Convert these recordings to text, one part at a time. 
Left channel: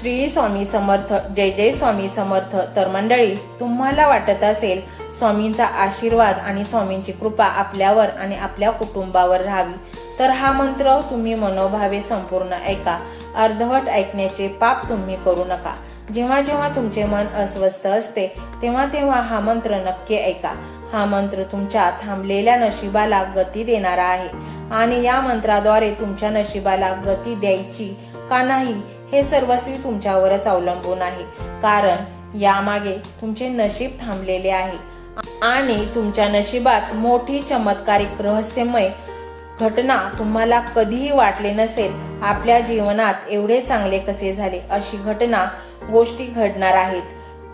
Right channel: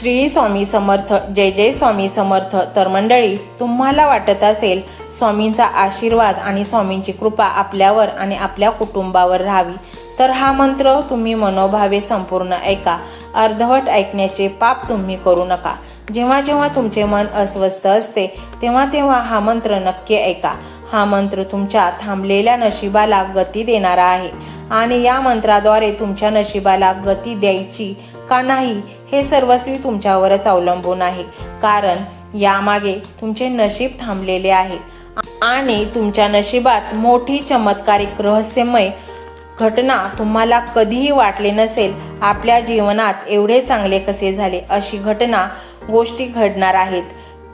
श्री स्वामी समर्थ जय जय स्वामी समर्थ. तर मंडळी तुम्हाला वाटत असेल स्वामींचा आशीर्वाद आणि स्वामींची कृपा आपल्यावर आणि आपल्या कुटुंबावर राहावी. तर हा मंत्र तुम्ही मनोभावे संपूर्ण ऐका. अर्धवट ऐकण्याचे पाप तुम्ही करू नका. जेव्हा जेव्हा तुमचे मन अस्वस्थ असते तेव्हा तेव्हा हा मंत्र नक्की ऐका. हा मंत्र तुमच्या थांबलेल्या नशिबाला गती देणारा आहे आणि या मंत्राद्वारे तुमच्या नशिबाला गती द्यायची का नाही हे सर्वस्वी तुमच्यावरच अवलंबून आहे. कारण यामागे तुमचे नशीब थांबलेले आहे. आणि तुमच्या नशिबात मोठी चमत्कारिक रहस्यमय घटना तुम्हाला कधीही वाटले नसेल आपल्या जीवनात एवढे चांगले कसे झाले अशी घटना गोष्टी घडणार आहेत.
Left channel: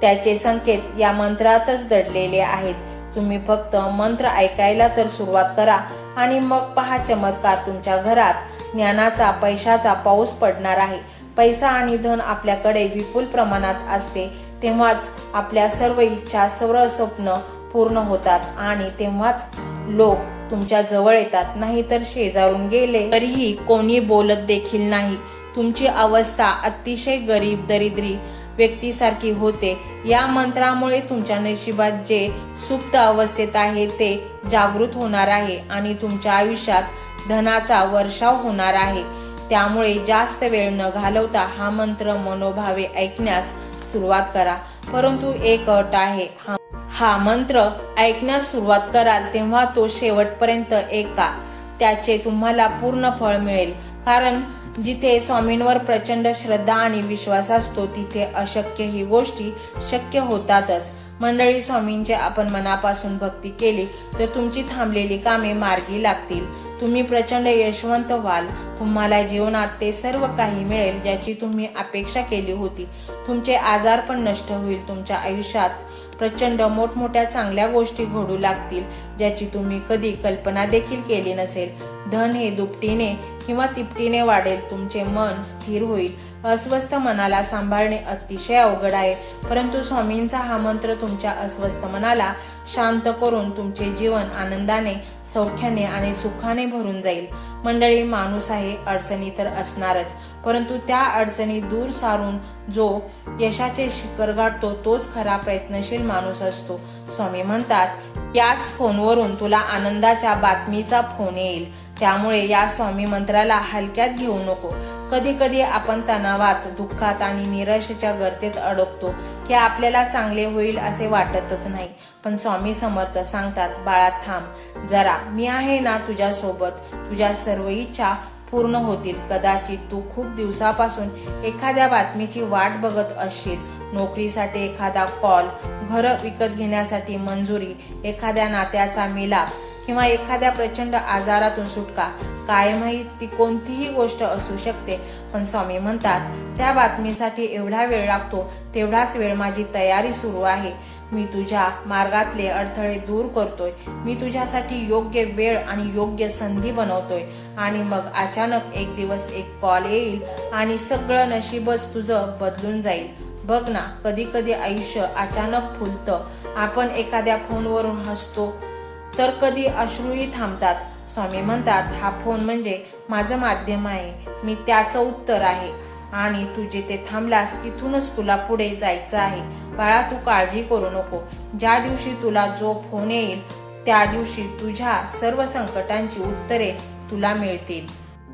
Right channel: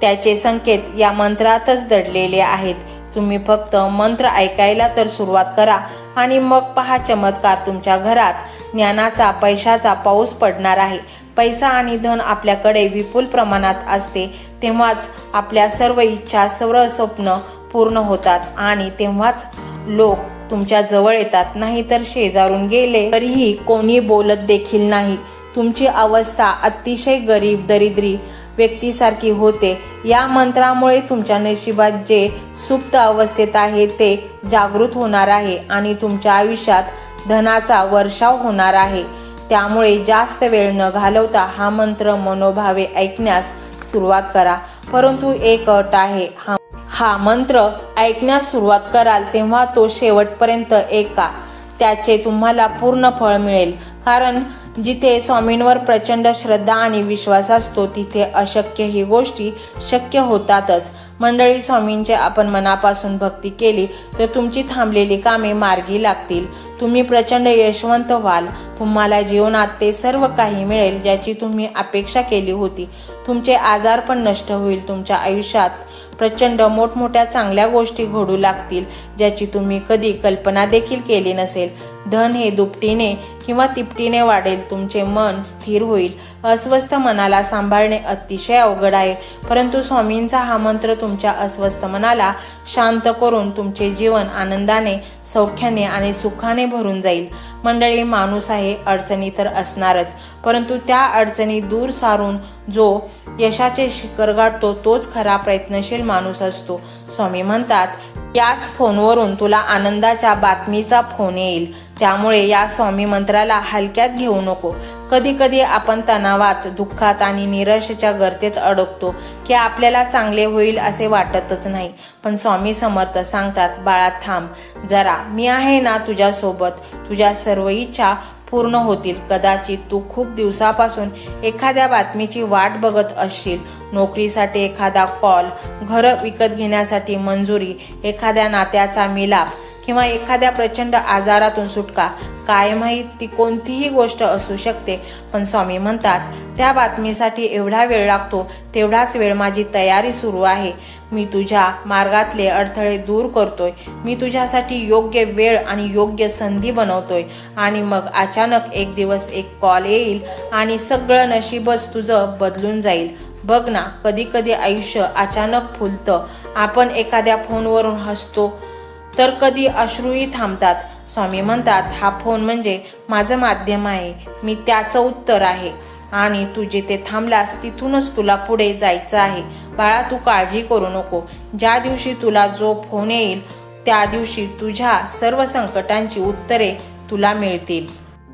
त्याचे संकेत या मंत्रातच दडलेले आहेत. तुम्ही फक्त मंत्र ऐकायला तर सुरुवात करा आणि मग पहा चमत्कार तुमच्या घरात. ज्ञानाचा पैशाचा पाऊस पडणार आहे. पैसा आणि धन आपल्याकडे विपुल प्रमाणात असते तेव्हाच आपल्या सर्व इच्छा सर्व स्वप्न पूर्ण होतात आणि तेव्हाच लोक तुमच्या जवळ येतात. नाहीतर शेजारून गेले तरीही कोणी बोलत देखील नाही. तुमची अवस्था अतिशय गरीब दरिद्री व्यक्तीसारखी होते. या मंत्रामुळे तुमच्या नशिबात जे सुप्त अवस्थेत आहे ते जागृत होणार आहे आणि तुमच्या आयुष्यात धनाचा वर्षाव होणार आहे. त्यामुळे जास्त वेळ न घालवता हा मंत्र मनोभावे ऐकण्यास सुरुवात करा. परंतु एक अट आहे हा हा मंत्र ऐकण्यास सुरुवात कराल तेव्हा तो शेवटपर्यंत ऐका त्याचे तुम्हाला पूर्ण फळ मिळेल. कारण जिथे स्वामींवर प्रचंड श्रद्धा आणि विश्वास असतो तिथे अशक्य ही गोष्टी शक्य होतातच. मंडळी स्वामींचे आपण मनापासून भक्ती केली तर तुमची थांबलेली कामे मार्गी लागतील. तुम्ही प्रचंड यशवंत व्हाल. तुम्हाला जीवनात ते सर्व काही मिळेल ज्याची तुम्ही अपेक्षा केली होती. तुमचे आजार पण नष्ट होईल. तुमच्या आयुष्यात प्रचंड मोठमोठ्या चांगल्या गोष्टी घडू लागतील. ज्याची तुम्ही कधी कल्पना देखील केली नसेल. धन हे दुपटीने किंवा तिपटीने वाढेल तुमचे मन स्थिर होईल. अस्वस्थ मनाला सांभाळणे अतिशय अवघड आहे. परंतु स्वामींचा हा मंत्र तुमच्या अस्वस्थ मनाला शांत करून तुमचे जीवन आनंदाने सौख्याने आणि सुखाने भरून जाईल. मंडळी माणूस आहे अडचणी तर असणारच. परंतु त्या अडचणी दूर सारून जो यशाचे शिखर गाठतो तोच खरा प्रयत्नशील माणूस असतो. स्वामी म्हणतात याच फोनवरून तुला आनंदाच्या बातमीचा फोन येईल. त्यामुळे या स्वामी मंत्राला हलक्यात घेऊ नको. कधी कधी आपण तणावात दुःखात आणि निराशेच्या गर्तेत अडकतो की आपल्याला चांगले होईल असे वाटतच नाही. पण स्वामी समर्थ सांगतात बाळा थांब. जरा. मी आहे ना तुझ्यासोबत. तुझ्या सर्व इच्छा पूर्ण होतील. कदाचित तू खूप दिवसापासून एखाद्या बातमीची वाट बघत असशील. नोकरीसाठी एखादा कॉल घर विकत घेण्यासाठी मंजुरी एखाद्या नात्याचा मिलाप किंवा एखाद्या प्रचंड आजारातून सुटका काय माहीत ती कोणतीही गोष्ट असू शकते. पण स्वामी म्हणतात त्या बातमीसाठी एवढा वेळ लागतो तेवढाच वेळ माझी तयारी सुरू आहे. मी तुझ्या मार्गातले अडथळे दूर करतोय. मी तुझ्यासाठी योग्य वेळ आणि योग्य संधी बनवतोय. आणि मग अचानक एक दिवस एक कॉल येईल आणि सगळं नशीबच तुझं बदलून जाईल. बघ ना कधी कधी आयुष्य अचानक फुलतं. आपण एखाद्या फोनवरून हसतो तर कधी अश्रूही थांबतात. स्वामी म्हणतात हा फोन म्हणजे माझं माध्यम आहे. मी त्याचं उत्तर आहे. आणि तू जिथे थांबलास तिथूनच तुला पुढे जायचं आहे. बाळा तू काळजी करू नको. ज्या दिवशी तुला जो फोन येईल त्या दिवशी तुझ्या सर्व संकटांची उत्तरे तुला मिळतील.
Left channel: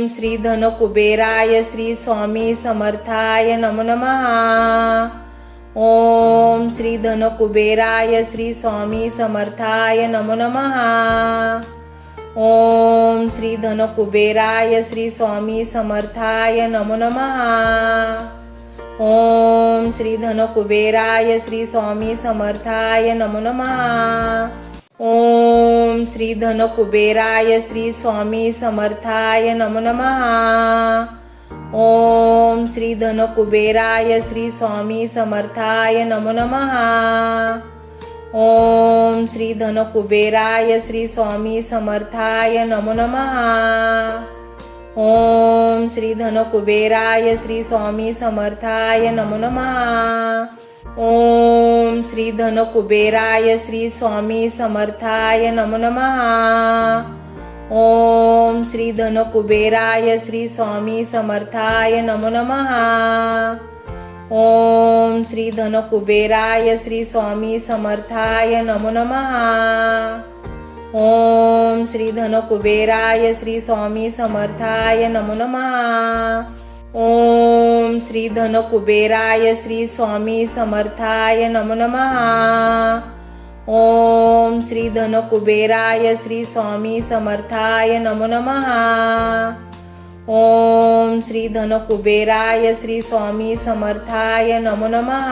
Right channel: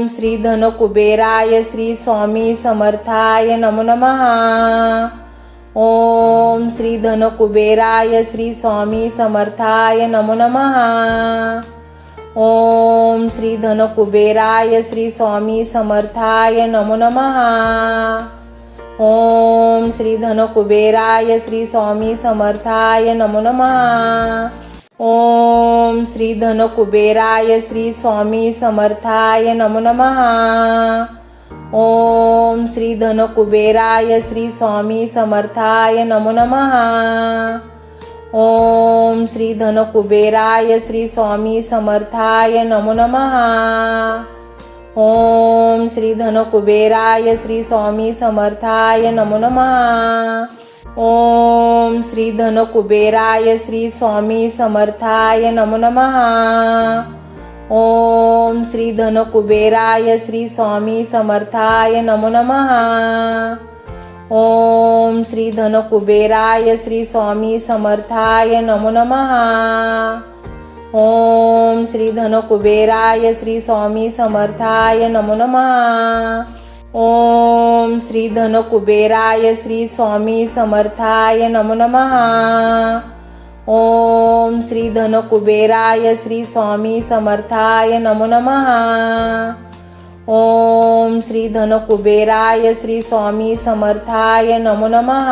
ओम श्री धन कुबेराय श्री स्वामी समर्थाय नमो नमः। ओम श्री धन कुबेराय श्री स्वामी समर्थाय नमो नमः। ओम श्री धन कुबेराय श्री स्वामी समर्थाय नमो नमः। ओम श्री धन कुबेराय श्री स्वामी समर्थाय नमो नमः। ओम श्री धन कुबेराय श्री स्वामी समर्थाय नमो नमः। ओम श्री धन कुबेराय श्री स्वामी समर्थाय नमो नमः। ओम श्री धन कुबेराय श्री स्वामी समर्थाय नमो नमः। ओम श्री धन कुबेराय श्री स्वामी समर्थाय नमो नमः। ओम श्री धन कुबेराय श्री स्वामी समर्थाय नमो नमः। ओम श्री धन कुबेराय श्री स्वामी समर्थाय नमो नमः। ओम श्री धन कुबेराय श्री स्वामी समर्थाय नमो नमः। ओम श्री धन कुबेराय श्री स्वामी समर्थाय नमो नमः। ओम श्री धन कुबेराय श्री स्वामी समर्थाय नमो नमः। ओम श्री धन कुबेराय श्री स्वामी समर्थाय नमो नमः। ओम श्री धन कुबेराय श्री स्वामी समर्थाय नमो नमः।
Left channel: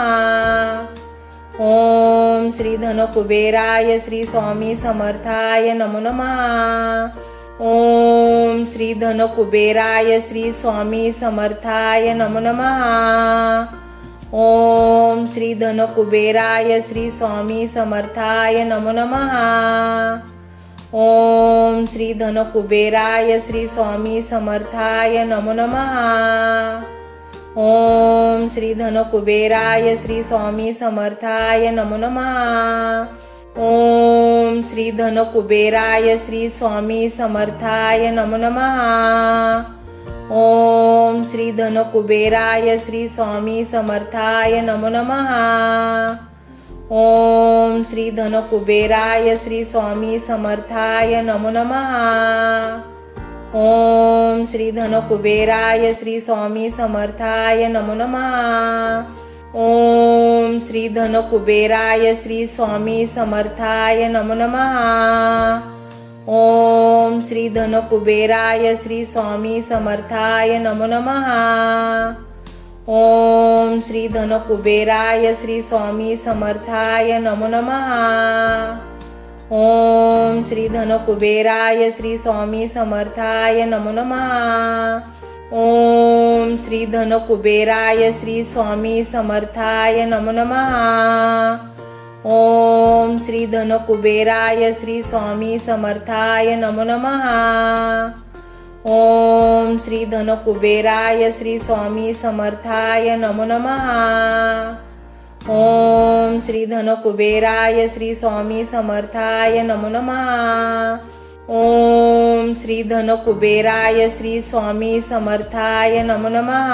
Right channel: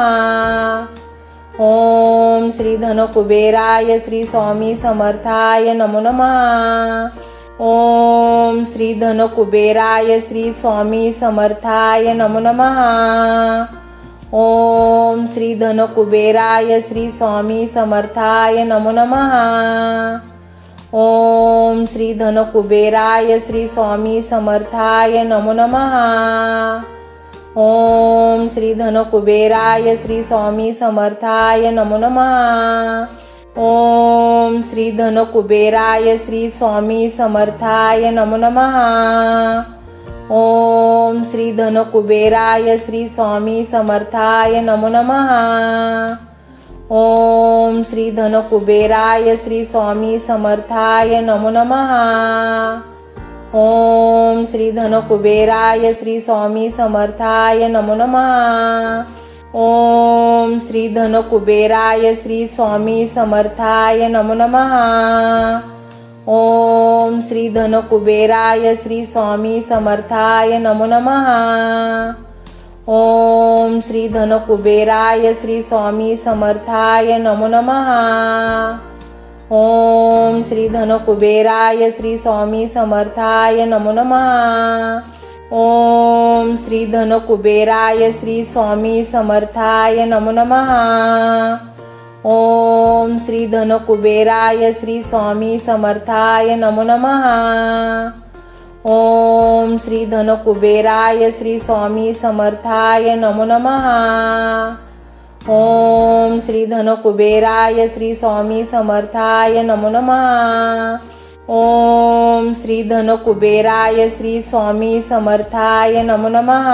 ओम श्री धन कुबेराय श्री स्वामी समर्थाय नमो नमः। ओम श्री धन कुबेराय श्री स्वामी समर्थाय नमो नमः। ओम श्री धन कुबेराय श्री स्वामी समर्थाय नमो नमः। ओम श्री धन कुबेराय श्री स्वामी समर्थाय नमो नमः। ओम श्री धन कुबेराय श्री स्वामी समर्थाय नमो नमः। ओम श्री धन कुबेराय श्री स्वामी समर्थाय नमो नमः। ओम श्री धन कुबेराय श्री स्वामी समर्थाय नमो नमः। ओम श्री धन कुबेराय श्री स्वामी समर्थाय नमो नमः। ओम श्री धन कुबेराय श्री स्वामी समर्थाय नमो नमः। ओम श्री धन कुबेराय श्री स्वामी समर्थाय नमो नमः। ओम श्री धन कुबेराय श्री स्वामी समर्थाय नमो नमः। ओम श्री धन कुबेराय श्री स्वामी समर्थाय नमो नमः। ओम श्री धन कुबेराय श्री स्वामी समर्थाय नमो नमः। ओम श्री धन कुबेराय श्री स्वामी समर्थाय नमो नमः। ओम श्री धन कुबेराय श्री स्वामी समर्थाय नमो नमः। ओम श्री धन कुबेराय श्री स्वामी समर्थाय नमो नमः। ओम श्री धन कुबेराय श्री स्वामी समर्थाय नमो नमः। ओम श्री धन कुबेराय श्री स्वामी समर्थाय नमो नमः।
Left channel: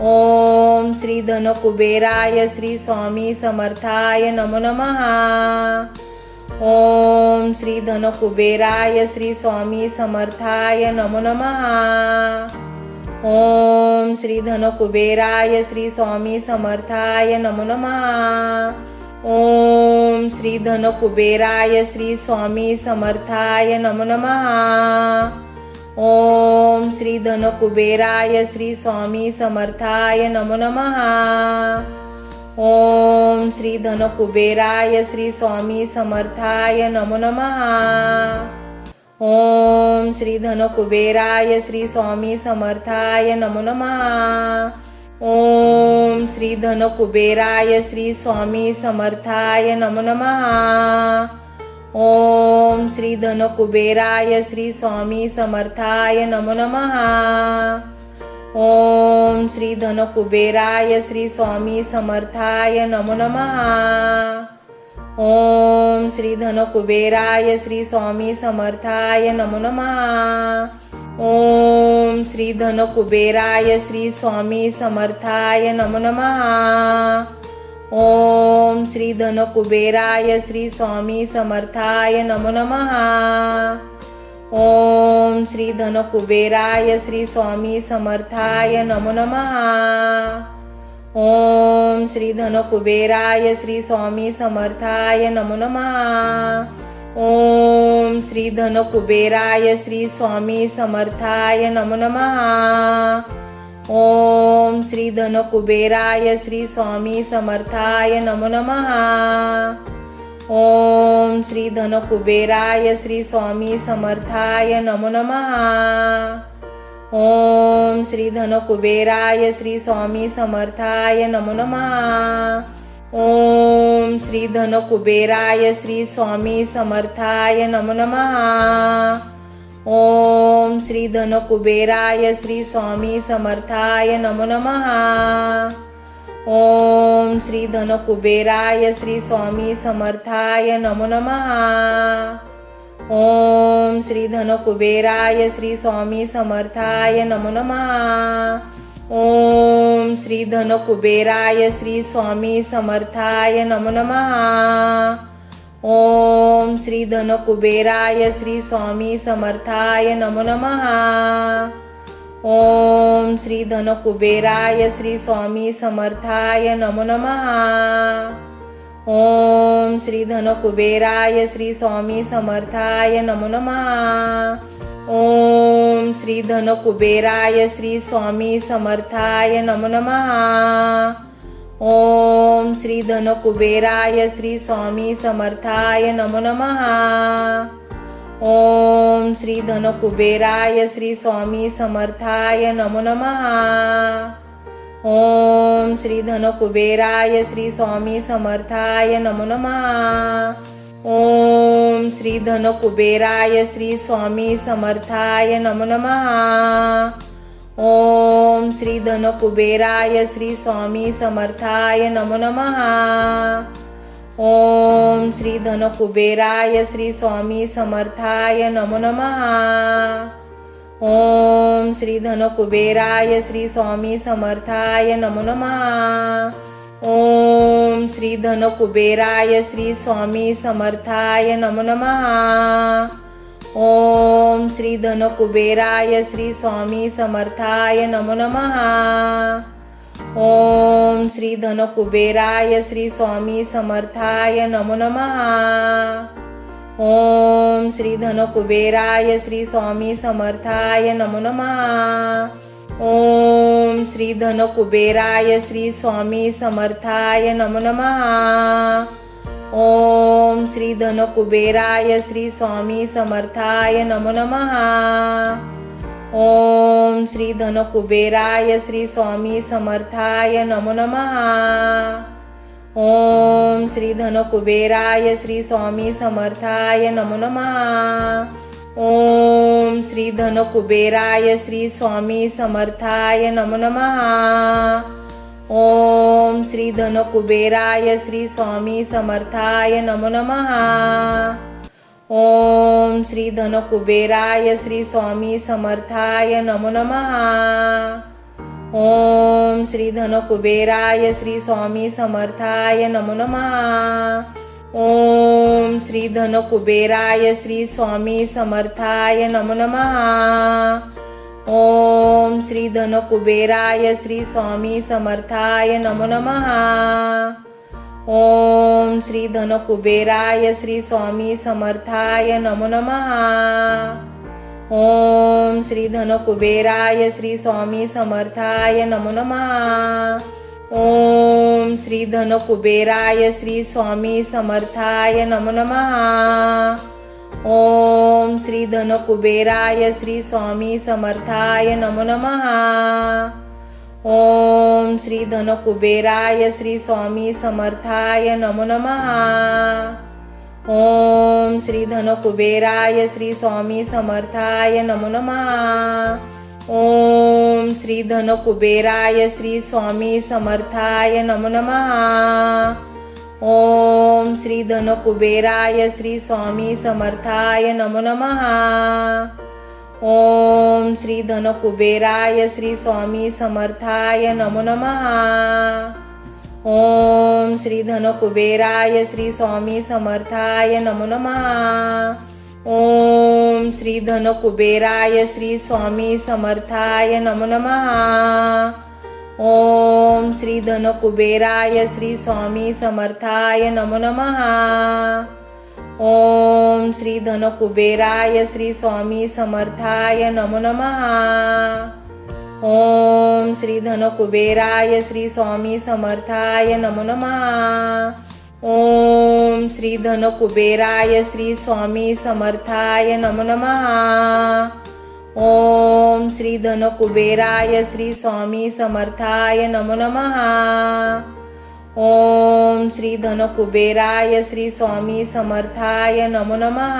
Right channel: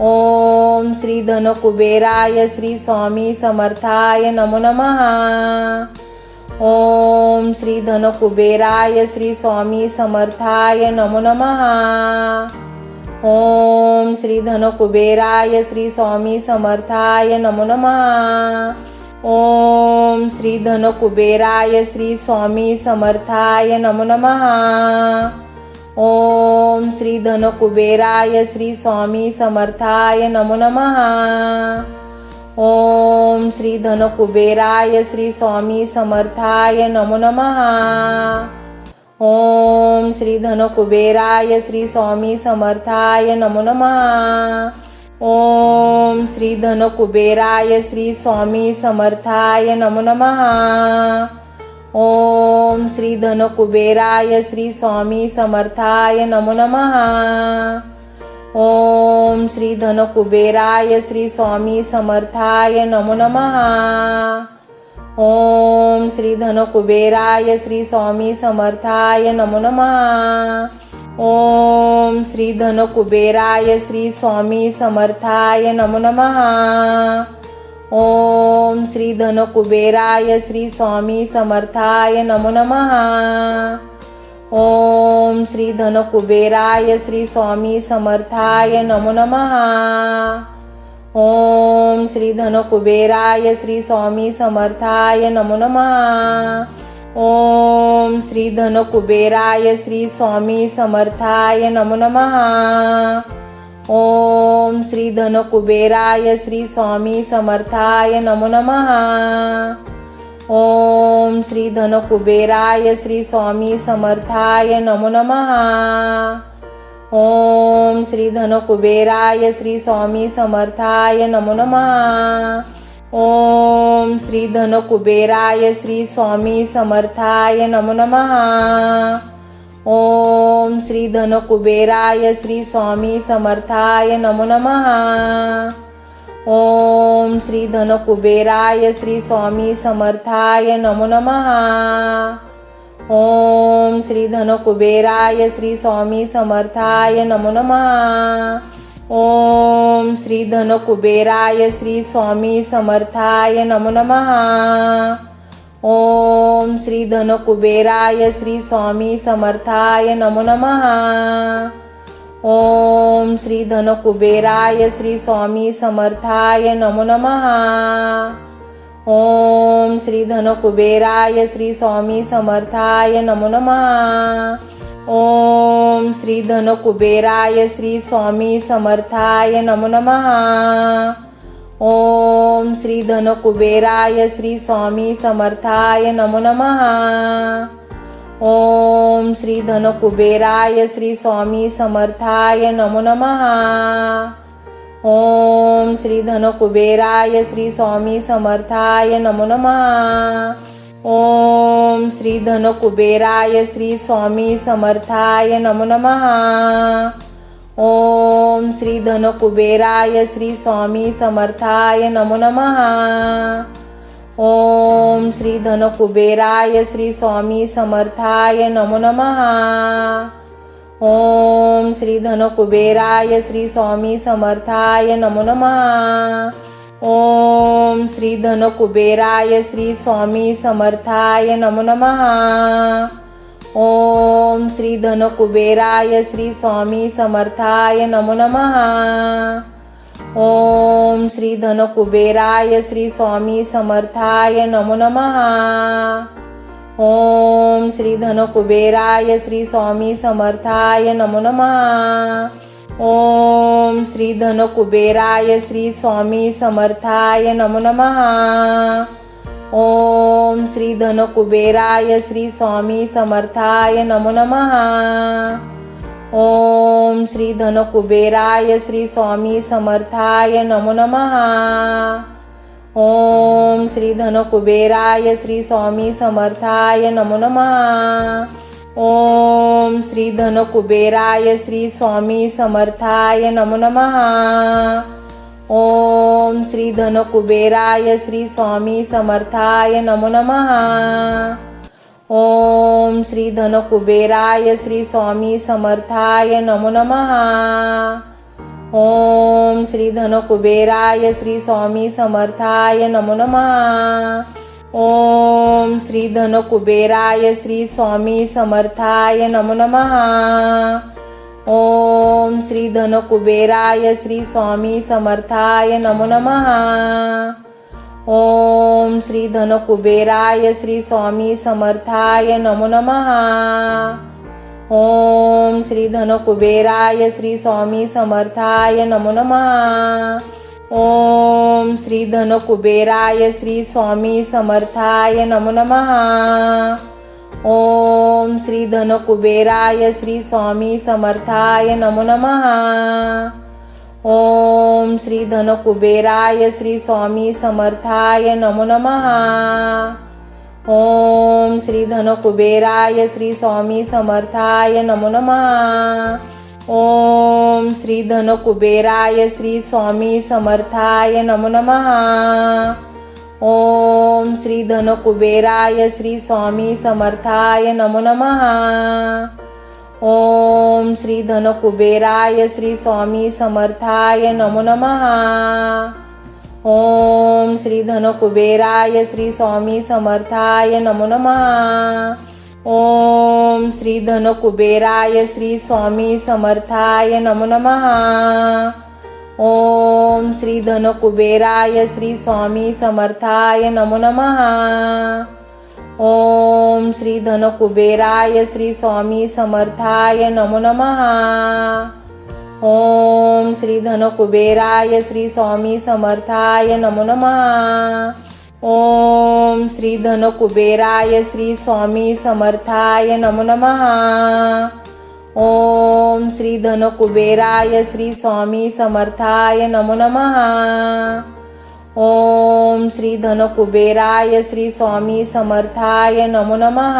ओम श्री धन कुबेराय श्री स्वामी समर्थाय नमो नमः। ओम श्री धन कुबेराय श्री स्वामी समर्थाय नमो नमः। ओम श्री धन कुबेराय श्री स्वामी समर्थाय नमो नमः। ओम श्री धन कुबेराय श्री स्वामी समर्थाय नमो नमः. ओम श्री धन कुबेराय श्री स्वामी समर्थाय नमो नमः. ओम श्री धन कुबेराय श्री स्वामी समर्थाय नमो नमः. ओम श्री धन कुबेराय श्री स्वामी समर्थाय नमो नमः. ओम श्री धन कुबेराय श्री स्वामी समर्थाय नमो नमः। ओम श्री धन कुबेराय श्री स्वामी समर्थाय नमो नमः। ओम श्री धनकुबेराय श्री स्वामी समर्थाय नमो नमः। ओम श्री धनकुबेराय श्री स्वामी समर्थाय नमो नमः। ओम श्री धनकुबेराय श्री स्वामी समर्थाय नमो नमः। ओम श्री धनकुबेराय श्री स्वामी समर्थाय नमो नमः। ओम श्री धनकुबेराय श्री स्वामी समर्थाय नमो नमः। ओम श्री धनकुबेराय श्री स्वामी समर्थाय नमो नमः। ओम श्री धनकुबेराय श्री स्वामी समर्थाय नमो नमः. ओम श्री धनकुबेराय श्री स्वामी समर्थाय नमो नमः. ओम श्री धनकुबेराय श्री स्वामी समर्थाय नमो नमः. ओम श्री धनकुबेराय श्री स्वामी समर्थाय नमो नमः. ओम श्री धनकुबेराय श्री स्वामी समर्थाय नमो नमः। ओम श्री धनकुबेराय श्री स्वामी समर्थाय नमो नमः। ओम श्री धनकुबेराय श्री स्वामी समर्थाय नमो नमः। ओम श्री धनकुबेराय श्री स्वामी समर्थाय नमो नमः। ओम श्री धनकुबेराय श्री स्वामी समर्थाय नमो नमः। ओम श्री धनकुबेराय श्री स्वामी समर्थाय नमो नमः। ओम श्री धनकुबेराय श्री स्वामी समर्थाय नमो नमः। ओम श्री धनकुबेराय श्री स्वामी समर्थाय नमो नमः। ओम श्री धनकुबेराय श्री स्वामी समर्थाय नमो नमः। ओम श्री धनकुबेराय श्री स्वामी समर्थाय नमो नमः। ओम श्री धनकुबेराय श्री स्वामी समर्थाय नमो नमः। ओम श्री धनकुबेराय श्री स्वामी समर्थाय नमो नमः। ओम श्री धनकुबेराय श्री स्वामी समर्थाय नमो नमः। ओम श्री धनकुबेराय श्री स्वामी समर्थाय नमो नमः। ओम श्री धनकुबेराय श्री स्वामी समर्थाय नमो नमः। ओम श्री धनकुबेराय श्री स्वामी समर्थाय नमो नमः। ओम श्री धनकुबेराय श्री स्वामी समर्थाय नमो नमः। ओम श्री धनकुबेराय श्री स्वामी समर्थाय नमो नमः। ओम श्री धनकुबेराय श्री स्वामी समर्थाय नमो नमः। ओम श्री धनकुबेराय श्री स्वामी समर्थाय नमो नमः। ओम श्री धनकुबेराय श्री स्वामी समर्थाय नमो नमः। ओम श्री धनकुबेराय श्री स्वामी समर्थाय नमो नमः। ओम श्री धनकुबेराय श्री स्वामी समर्थाय नमो नमः। ओम श्री धनकुबेराय श्री स्वामी समर्थाय नमो नमः। ओम श्री धनकुबेराय श्री स्वामी समर्थाय नमो नमः। ओम श्री धनकुबेराय श्री स्वामी समर्थाय नमो नमः। ओम श्री धनकुबेराय श्री स्वामी समर्थाय नमो नमः। ओम श्री धनकुबेराय श्री स्वामी समर्थाय नमो नमः। ओम श्री धनकुबेराय श्री स्वामी समर्थाय नमो नमः. ओम श्री धनकुबेराय श्री स्वामी समर्थाय नमो नमः. ओम श्री धनकुबेराय श्री स्वामी समर्थाय नमो नमः. ओम श्री धनकुबेराय श्री स्वामी समर्थाय नमो नमः. ओम श्री धनकुबेराय श्री स्वामी समर्थाय नमो नमः। ओम श्री धनकुबेराय श्री स्वामी समर्थाय नमो नमः। ओम श्री धनकुबेराय श्री स्वामी समर्थाय नमो नमः। ओम श्री धनकुबेराय श्री स्वामी समर्थाय नमो नमः। ओम श्री धन कुबेराय श्री स्वामी समर्थाय नमो नमः। ओम श्री धन कुबेराय श्री स्वामी समर्थाय नमो नमः। ओम श्री धन कुबेराय श्री स्वामी समर्थाय नमो नमः। ओम श्री धन कुबेराय श्री स्वामी समर्थाय नमो नमः। ओम श्री धन कुबेराय श्री स्वामी समर्थाय नमो नमः. ओम श्री धन कुबेराय श्री स्वामी समर्थाय नमो नमः. ओम श्री धन कुबेराय श्री स्वामी समर्थाय नमो नमः. ओम श्री धन कुबेराय श्री स्वामी समर्थाय नमो नमः. ओम श्री धन कुबेराय श्री स्वामी समर्थाय नमो नमः। ओम श्री धन कुबेराय श्री स्वामी समर्थाय नमो नमः। ओम श्री धन कुबेराय श्री स्वामी समर्थाय नमो नमः।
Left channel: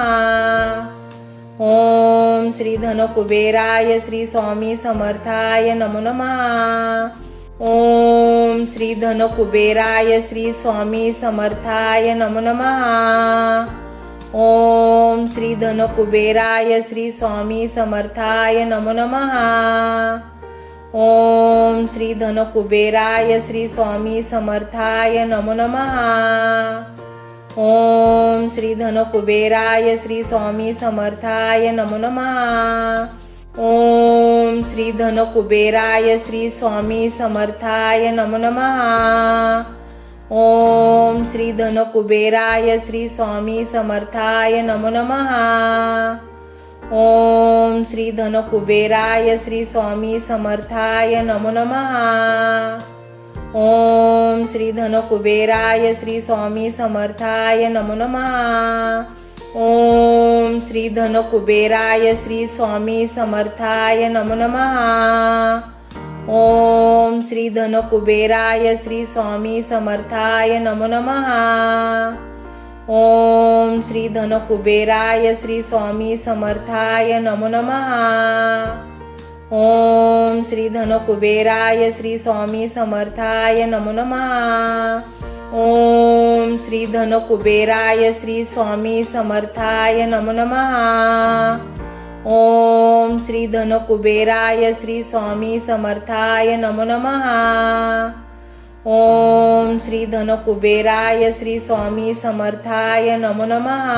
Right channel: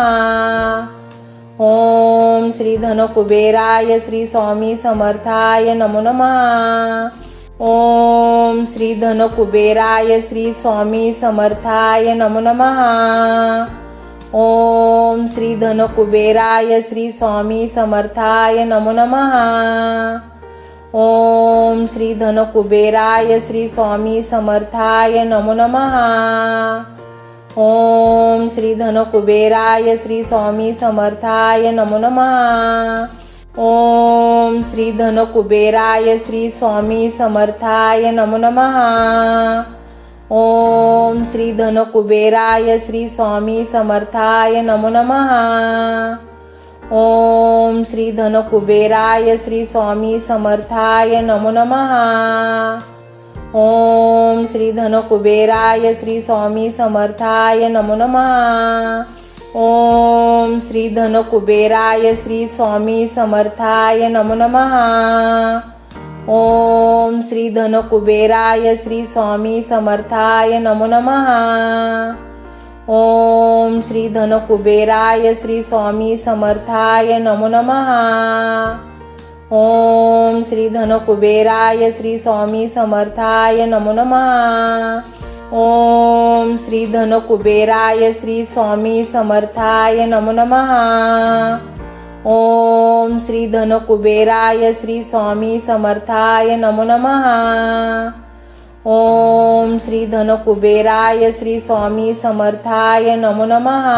ओम श्री धन कुबेराय श्री स्वामी समर्थाय नमो नमः। ओम श्री धन कुबेराय श्री स्वामी समर्थाय नमो नमः। ओम श्री धन कुबेराय श्री स्वामी समर्थाय नमो नमः। ओम श्री धन कुबेराय श्री स्वामी समर्थाय नमो नमः। ओम श्री धन कुबेराय श्री स्वामी समर्थाय नमो नमः। ओम श्री धन कुबेराय श्री स्वामी समर्थाय नमो नमः। ओम श्री धन कुबेराय श्री स्वामी समर्थाय नमो नमः। ओम श्री धन कुबेराय श्री स्वामी समर्थाय नमो नमः। ओम श्री धन कुबेराय श्री स्वामी समर्थाय नमो नमः। ओम श्री धन कुबेराय श्री स्वामी समर्थाय नमो नमः। ओम श्री धन कुबेराय श्री स्वामी समर्थाय नमो नमः। ओम श्री धन कुबेराय श्री स्वामी समर्थाय नमो नमः। ओम श्री धन कुबेराय श्री स्वामी समर्थाय नमो नमः। ओम श्री धन कुबेराय श्री स्वामी समर्थाय नमो नमः। ओम श्री धन कुबेराय श्री स्वामी समर्थाय नमो नमः। ओम श्री धन कुबेराय श्री स्वामी समर्थाय नमो नमः।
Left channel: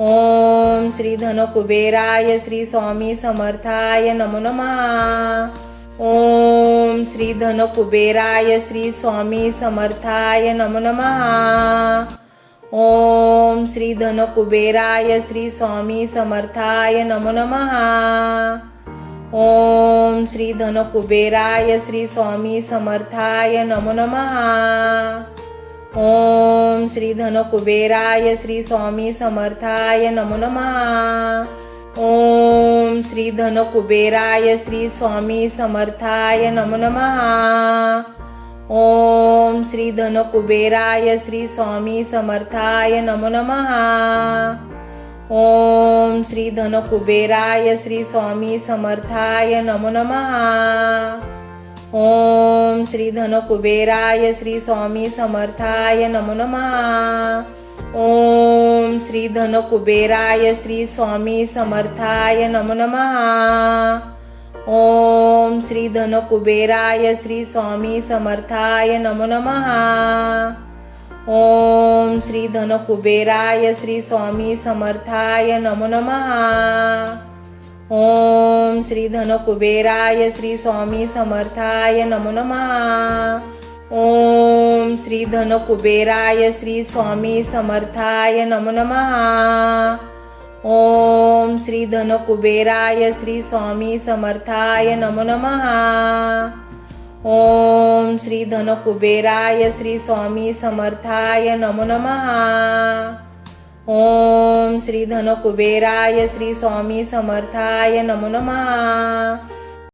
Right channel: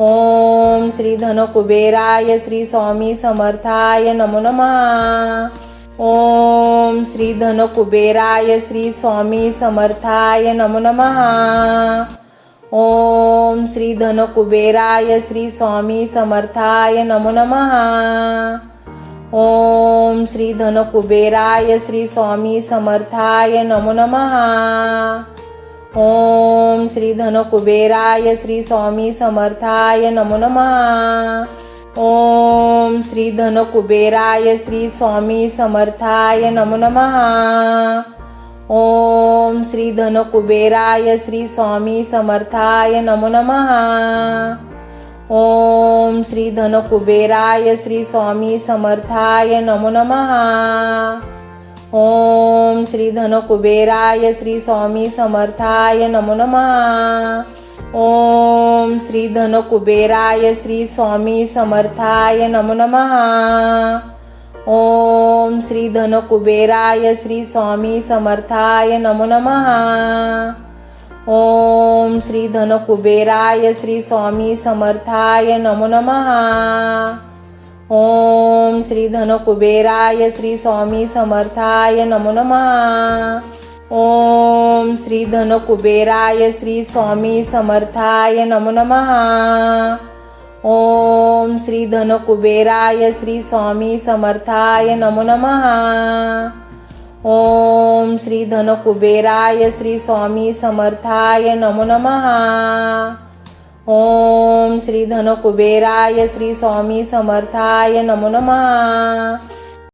ओम श्री धन कुबेराय श्री स्वामी समर्थाय नमो नमः। ओम श्री धन कुबेराय श्री स्वामी समर्थाय नमो नमः। ओम श्री धन कुबेराय श्री स्वामी समर्थाय नमो नमः। ओम श्री धन कुबेराय श्री स्वामी समर्थाय नमो नमः। ओम श्री धन कुबेराय श्री स्वामी समर्थाय नमो नमः। ओम श्री धन कुबेराय श्री स्वामी समर्थाय नमो नमः. ओम श्री धन कुबेराय श्री स्वामी समर्थाय नमो नमः. ओम श्री धन कुबेराय श्री स्वामी समर्थाय नमो नमः. ओम श्री धन कुबेराय श्री स्वामी समर्थाय नमो नमः. ओम श्री धन कुबेराय श्री स्वामी समर्थाय नमो नमः। ओम श्री धन कुबेराय श्री स्वामी समर्थाय नमो नमः। ओम श्री धन कुबेराय श्री स्वामी समर्थाय नमो नमः। ओम श्री धन कुबेराय श्री स्वामी समर्थाय नमो नमः। ओम श्री धन कुबेराय श्री स्वामी समर्थाय नमो नमः। ओम श्री धन कुबेराय श्री स्वामी समर्थाय नमो नमः। ओम श्री धन कुबेराय श्री स्वामी समर्थाय नमो नमः। ओम श्री धन कुबेराय श्री स्वामी समर्थाय नमो नमः।